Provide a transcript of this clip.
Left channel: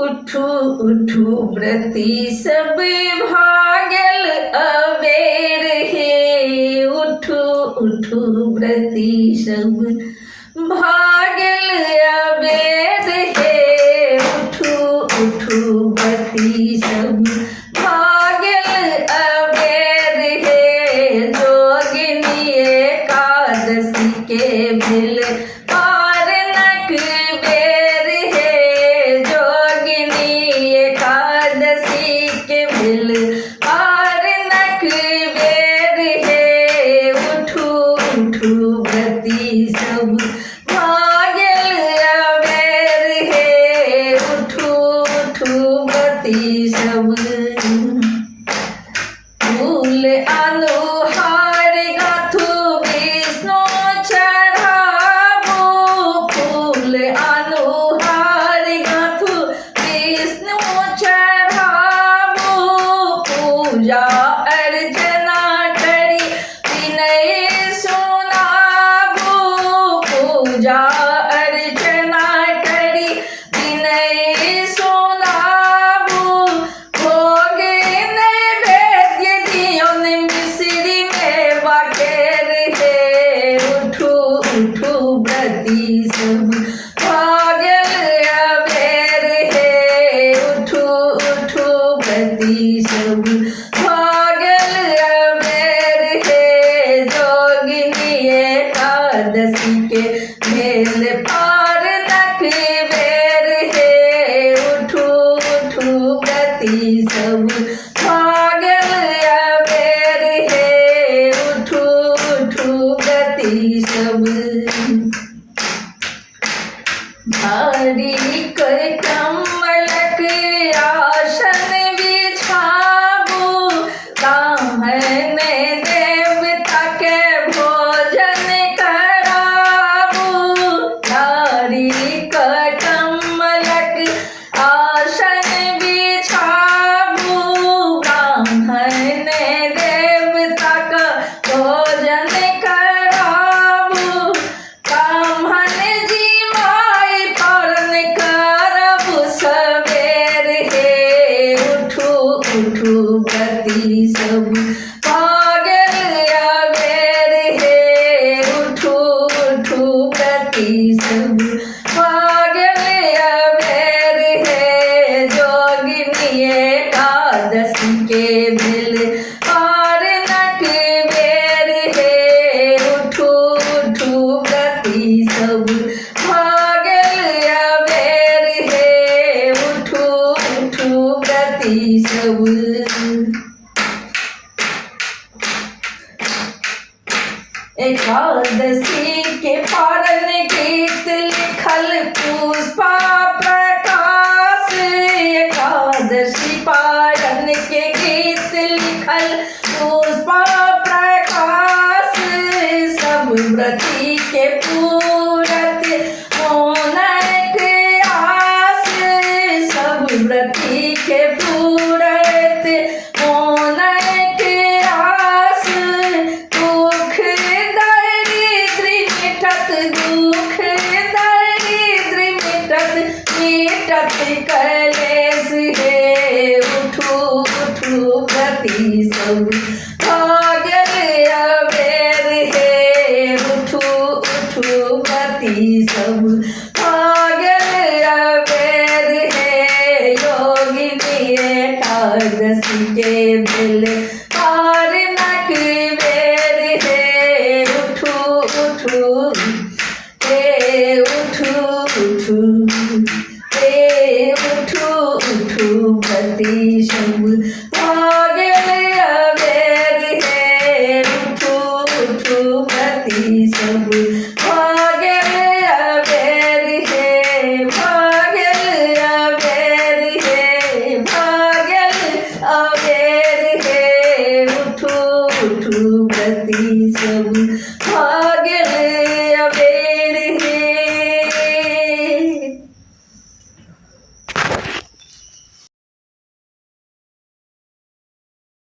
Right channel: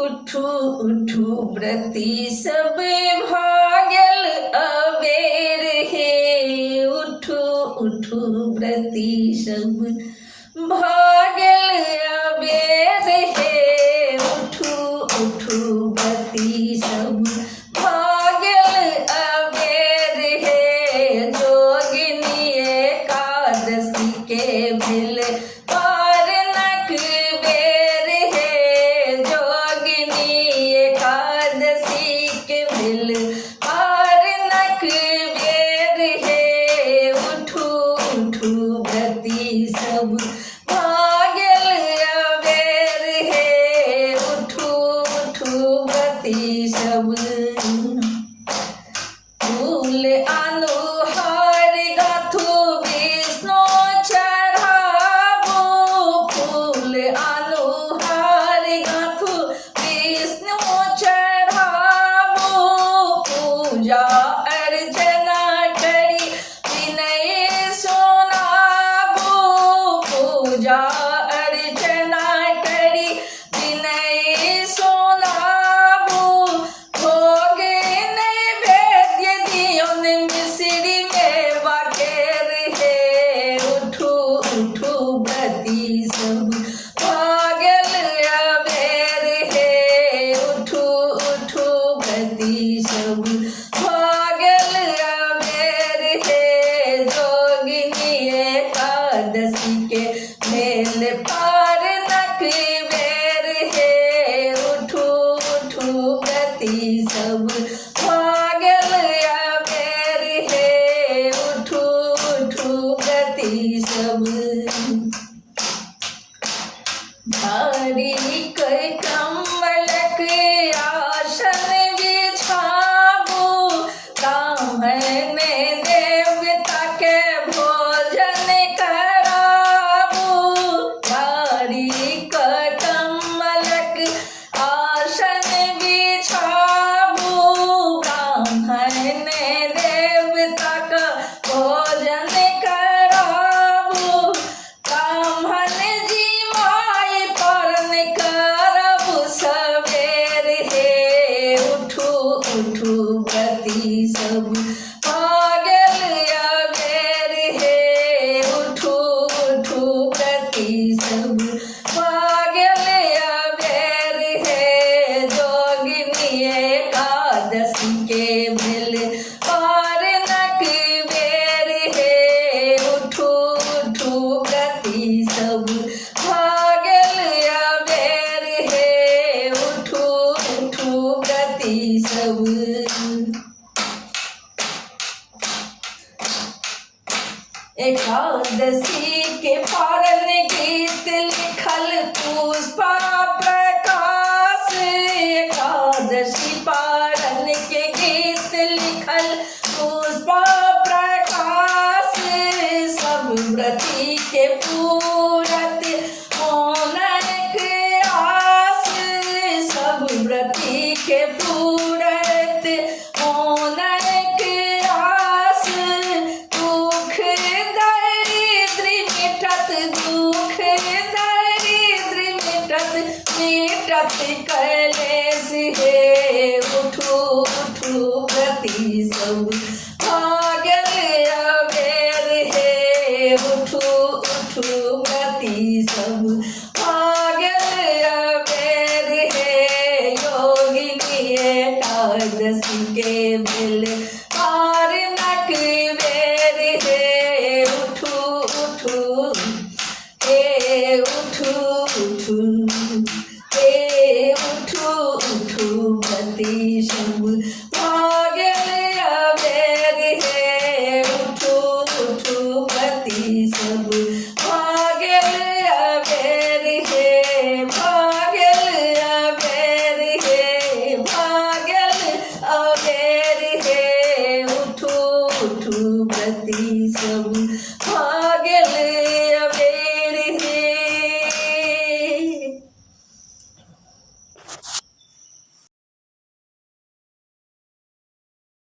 उठू उठू व्रती सब भागल अबेर हे। उठू उठू व्रती सब भागल अबेर हे। उठू उठू व्रती सब भागल अबेर हे। जोगिनी एकादशी के भेल पारनक बेर हे। जोगिनी एकादशी के भेल पारनक बेर हे। उठू उठू व्रती सब भागल अबेर हे। उठू उठू व्रती सब फूल अनुहार गाथू विष्णु चढ़ाबू। फूल अनुहार गाथू विष्णु चढ़ाबू। पूजा अर्चना करी विनय सुनाबू। पूजा अर्चना करी विनय सुनाबू। भोग नैवेद्य दियौन मिश्री में बाटेर हे। उठू उठू व्रती सब भागल अबेर हे। उठू उठू व्रती सब भागल अबेर हे। जोगिनी एकादशी के भेल पारनक बेर हे। उठू उठू व्रती सब भागल अबेर हे। उठू उठू व्रती सब भारी कर कमलक आसन बिछाबू। ब्राह्मण देवता के भोजन कराबू। भारी कर कमलक आसन बिछाबू। ब्राह्मण देवता का भोजन कराबू। ब्राह्मण जी माई पालन करबू सवेर हे। उठू उठू व्रती सब भागल अबेर हे। उठू उठू व्रती सब भागल अबेर हे। जोगिनी एकादशी के भेल पारनक बेर हे। उठू उठू व्रती सब भागल अबेर हे। उठू उठू व्रती सब एकादशी के पारन गीत लिखल